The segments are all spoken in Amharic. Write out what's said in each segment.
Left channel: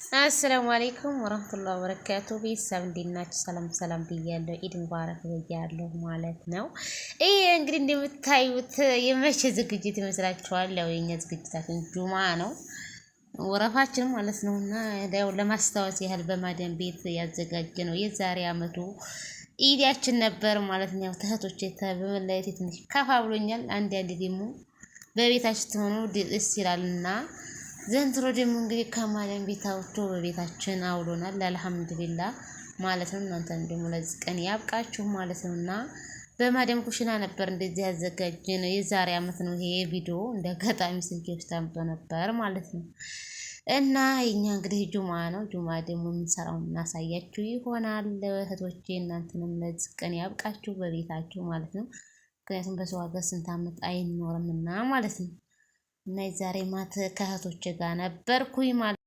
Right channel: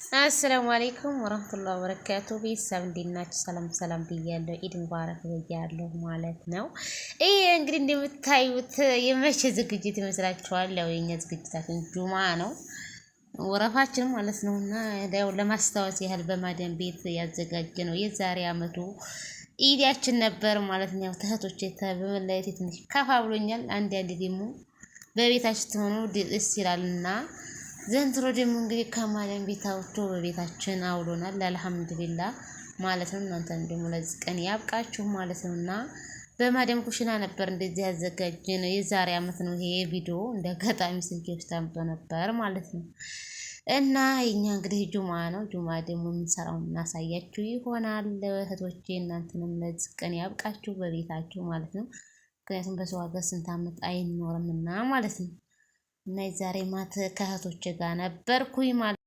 አሰላሙ አለይኩም ወራህመቱላሂ ወበረካቱ። ቤተሰብ እንዴት ናችሁ? ሰላም ሰላም ብያለሁ። ኢድ ሙባረክ ብያለሁ ማለት ነው። ይሄ እንግዲህ እንደምታዩት የመቼ ዝግጅት ይመስላችኋል? ያው የኛ ዝግጅታችን ጁማ ነው ወረፋችን ማለት ነውና ያው ለማስታወስ ያህል በማደን ቤት ያዘጋጀ ነው። የዛሬ አመቱ ኢዲያችን ነበር ማለት ነው። ያው ተህቶቼ በመለየት ትንሽ ከፋ ብሎኛል። አንድ ደግሞ በቤታችን ትሆኑ ደስ ይላልና ዘንድሮ ደግሞ እንግዲህ ከማለም ቤት አውጥቶ በቤታችን አውሎናል። አልሐምዱሊላህ ማለት ነው። እናንተም ደግሞ ለዚህ ቀን ያብቃችሁ ማለት ነውና በማደም ኩሽና ነበር እንደዚህ ያዘጋጀነው። የዛሬ አመት ነው ይሄ ቪዲዮ እንደ አጋጣሚ ስልኬ ውስጥ ታምጦ ነበር ማለት ነው። እና የኛ እንግዲህ ጁማ ነው። ጁማ ደግሞ የምንሰራው እናሳያችሁ ይሆናል እህቶቼ። እናንተንም ለዚህ ቀን ያብቃችሁ በቤታችሁ ማለት ነው። ምክንያቱም በሰው ሀገር ስንት አመት አይኖርምና ማለት ነው። እና የዛሬ ማት ከእህቶቼ ጋር ነበርኩኝ ማለት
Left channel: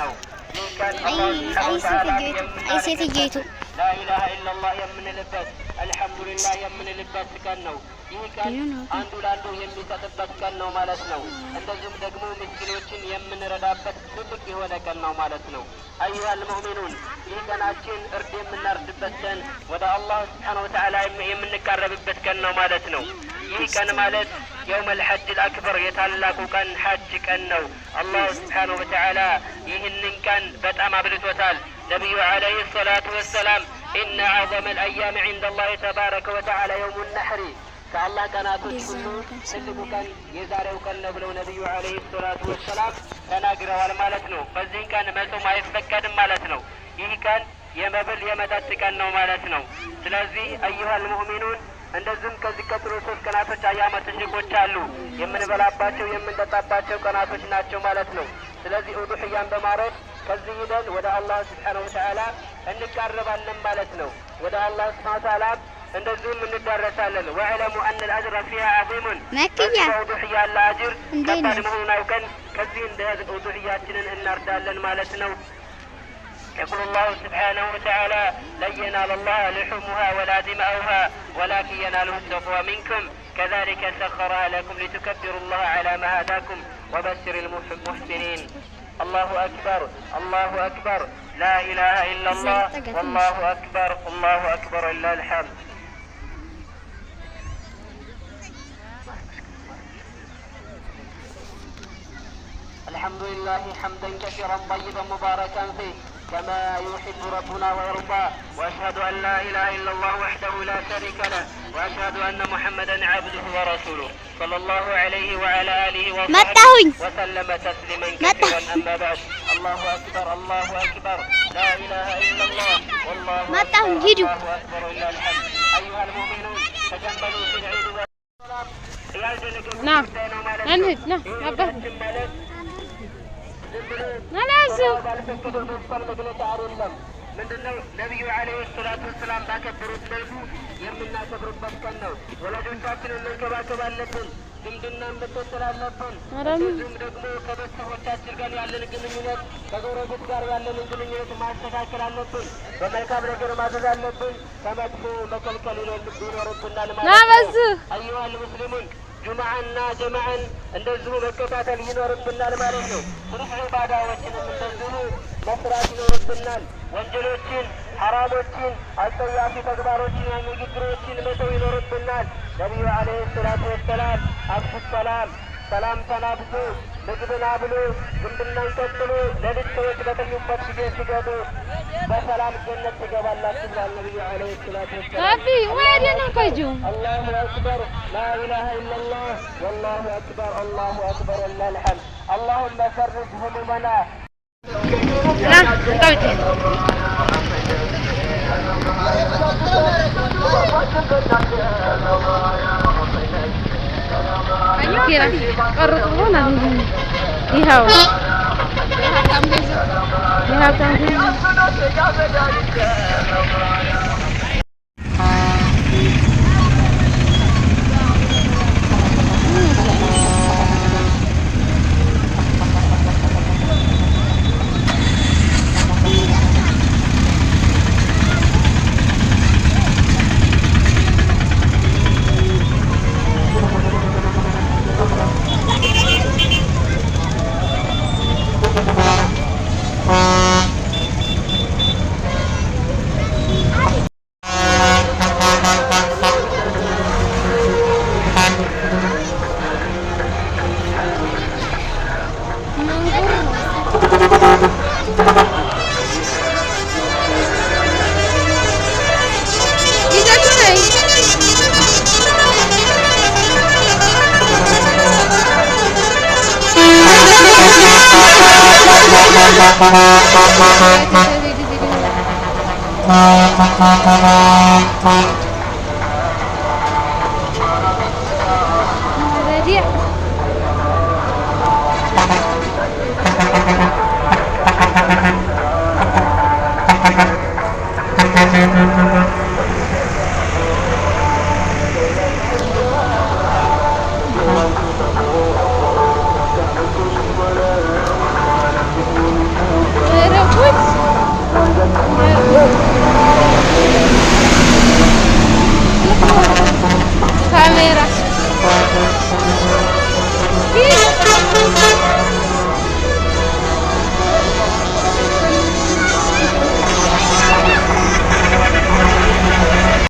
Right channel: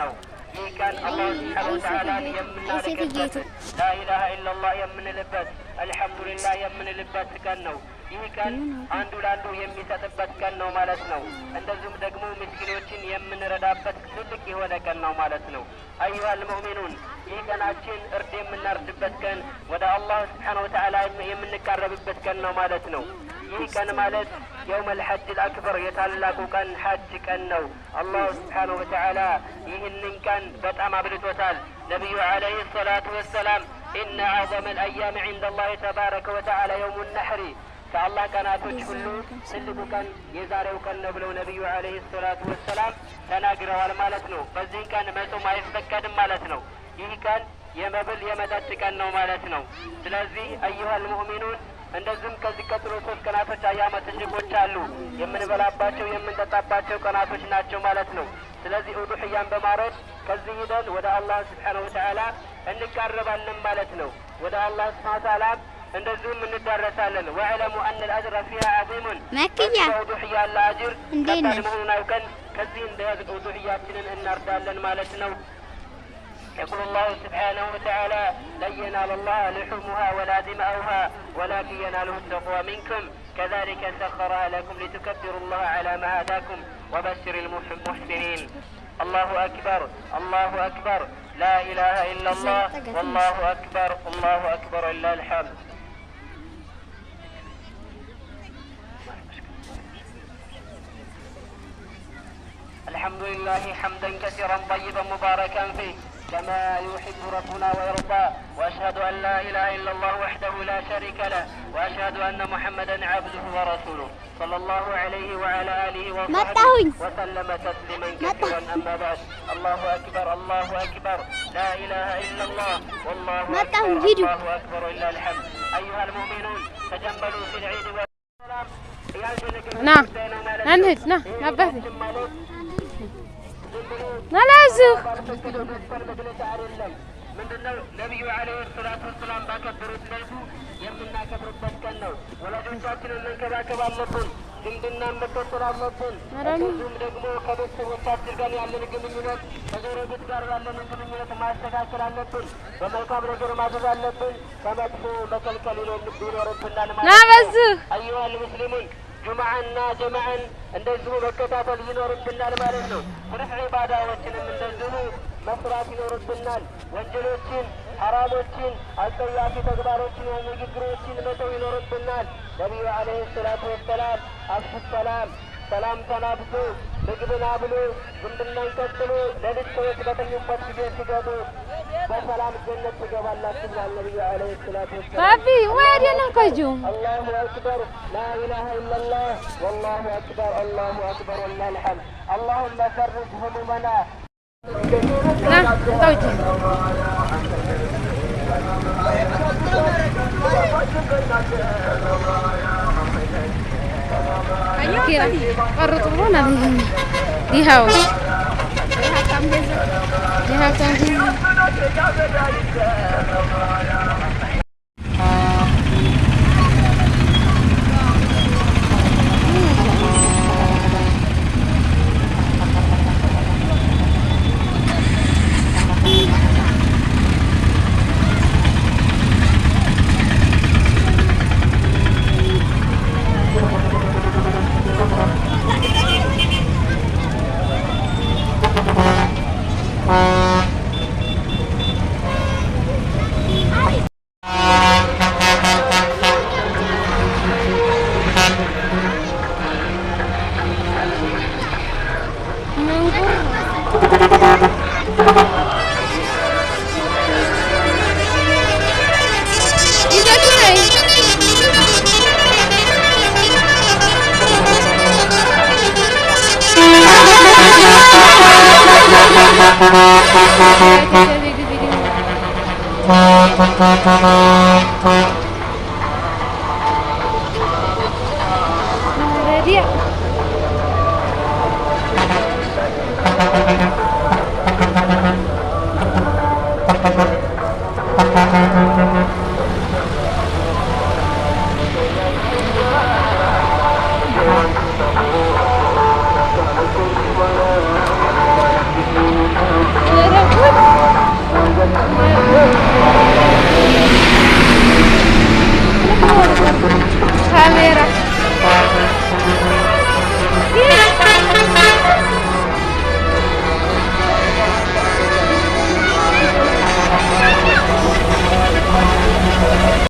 ነው። ሴትዬቱ ላኢላሃ ኢለላህ የምንልበት አልሐምዱሊላህ የምንልበት ቀን ነው። ይህ ቀን አንዱ ለአንዱ የሚሰጥበት ቀን ነው ማለት ነው። እንደዚሁም ደግሞ ምስኪኖችን የምንረዳበት ትልቅ የሆነ ቀን ነው ማለት ነው። አዩሃል ሙእሚኑን ይህ ቀናችን እርድ የምናርድበት ቀን፣ ወደ አላህ ስብሓነሁ ወተዓላ የምንቃረብበት ቀን ነው ማለት ነው። ይህ ቀን ማለት የውመል ሐጅል አክበር የታላቁ ቀን ሐጅ ቀን ነው። አላህ ስብሓነሁ ወተዓላ ይህንን ቀን በጣም አብልቶታል። ነቢዩ ዓለይሂ ሰላቱ ወሰላም ኢነ አዕዘመል አያም ዒንደ አላህ ተባረከ ወተዓላ የውሙ ነሕሪ ከአላህ ቀናቶች ሁሉ ትልቁ ቀን የዛሬው ቀን ነው ብለው ነቢዩ ዓለይሂ ሰላቱ ወሰላም ተናግረዋል ማለት ነው። በዚህ ቀን መጾም አይፈቀድም ማለት ነው። ይህ ቀን የመብል የመጠጥ ቀን ነው ማለት ነው። ስለዚህ አዩሃል ሙእሚኑን እንደዚሁም ከዚህ ቀጥሎ 3 ቀናቶች አያመ ተሽቆች አሉ። የምንበላባቸው የምንጠጣባቸው ቀናቶች ናቸው ማለት ነው። ስለዚህ ኡዱህያን በማረድ ከዚህ ሂደን ወደ አላህ ስብሓነሁ ወተዓላ እንቃረባለን ማለት ነው። ወደ አላህ ስብሓነሁ ወተዓላ እንደዚሁም እንዳረሳለን። ወዕለሙ አነ ልአጅረ ፊሃ ዐዚሙን መክያ ኡዱህያ ያለ አጅር ከባድ መሆኑን አውቀን ከዚህ እንደ ኡዱህያችንን እናርዳለን ማለት ነው። يقول الله سبحانه وتعالى لن ينال الله لحومها ولا دماؤها ولكن يناله التقوى منكم كذلك سخرها لكم لتكبروا الله على ما هداكم وبشر المحسنين. الله أكبر الله أكبر لا إله إلا الله والله أكبر الله أكبر إلا الحمد. الحمد لله حمدا كثيرا طيبا مباركا فيه كما يحب ربنا ويرضى. واشهد ان لا اله الا الله وحده لا شريك له واشهد ان محمدا عبده ورسوله صلى الله عليه وعلى اله وصحبه وسلم تسليما كثيرا. اما بعد الله اكبر الله اكبر لا اله الا الله والله اكبر الله اكبر الا الحمد. ايها المؤمنون تجملوا في العيد والسلام. نعم انهد نعم نبه نلازم ምንድነው ነቢዩ ዓለይሂ ሰላቱ ወሰላም ባከበሩት መልኩ የምናከብርበት ቀን ነው። ወላጆቻችንን መንከባከብ አለብን። ዝምድናን መከተል አለብን። እንዲሁም ደግሞ ከቤተሰቦቻችን ጋር ያለን ግንኙነት ከጎረቤት ጋር ያለን ግንኙነት ማስተካከል አለብን። በመልካም ነገር ማዘዝ አለብን። ከመጥፎ መከልከል ይኖርብናል ማለት ነው። አዩሀል ሙስሊሙን ጁምዓና ጀማዓን እንደዚሁ መከታተል ይኖርብናል ማለት ነው። ሱልህ ዒባዳዎችንም እንደዚሁ መስራት ይኖርብናል። ወንጀሎችን፣ ሐራሞችን፣ አስጸያፊ ተግባሮችን፣ ንግግሮችን መተው ይኖርብናል። ነቢዩ ዓለይሂ ሰላቱ ወሰላም አፍሹ ሰላም ሰላም ተናብሱ፣ ምግብን አብሉ፣ ዝምድናን ቀጥሉ፣ ሌሊት ሰዎች በተኙበት ጊዜ ስገዱ፣ በሰላም ጀነት ትገባላችሁ ይላል ነቢዩ ዓለይሂ ሰላቱ ወሰላም። አቢ ወዲና ቆዩ አላሁ አክበር ላ ኢላሃ ኢለላህ ወላሁ አክበር አላሁ አክበር ወሊላሂል ሐምድ። አላሁመ ፈርጅ ሁሙመና ና እንጣውጪ ኪራ ቀርጡ ሆነ ይሄው ካሜራ